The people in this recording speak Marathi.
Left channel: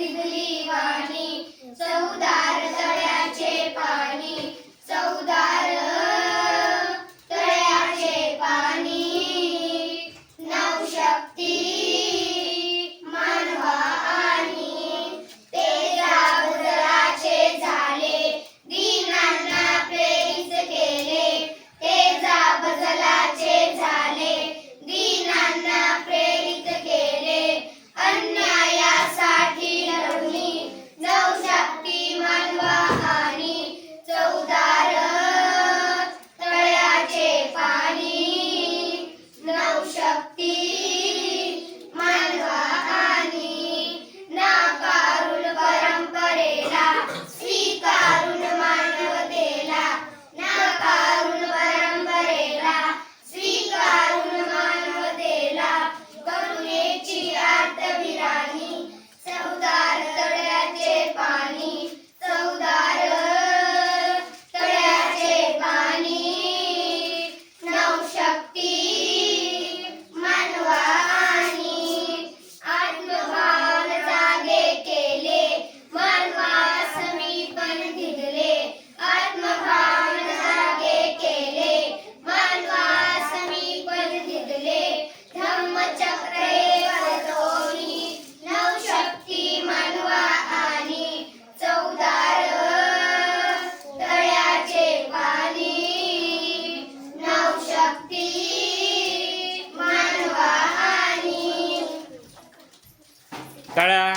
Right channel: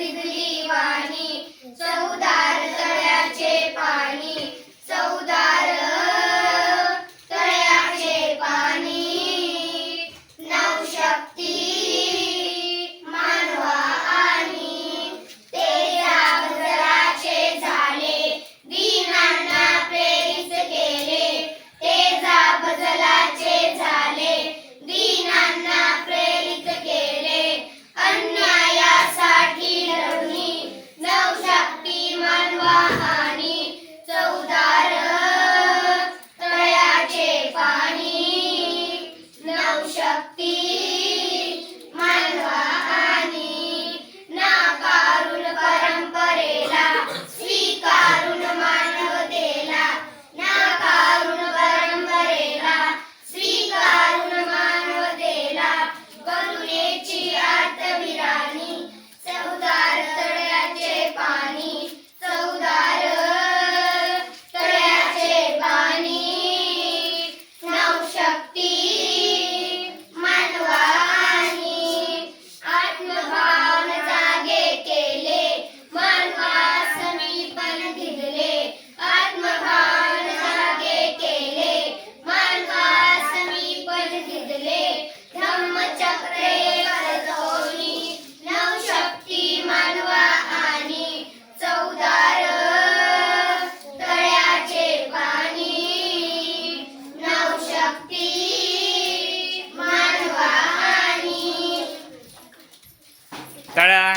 दिगली वाणी, चवदार तळ्याचे पाणी, चवदार तळ्याचे पाणी. नवशक्ती मानवा आणि तेजाबदलाचे झाले, दीनांना प्रेरित केले. तेजाबदलाचे झाले, दीनांना प्रेरित केले. अन्यायासाठी लढली, नवशक्ती मानवा आणि चवदार तळ्याचे पाणी. नवशक्ती मानवा आणि नाकारून परंपरेला, स्वीकारून मानवतेला. नाकारून परंपरेला, स्वीकारून मानवतेला. करुणेची आर्तविराणी, चवदार तळ्याचे पाणी, चवदार तळ्याचे पाणी. नवशक्ती मानवा आणि आत्मभावन जागे केले, मानवा समीपन धिगले. आत्मभावन जागे केले, मानवा समीपन धिगले. धम्मचक्रे करतोमी, नवशक्ती मानवा आणि चवदार तळ्याचे पाणी. नवशक्ती मानवा आणि टाळ्या.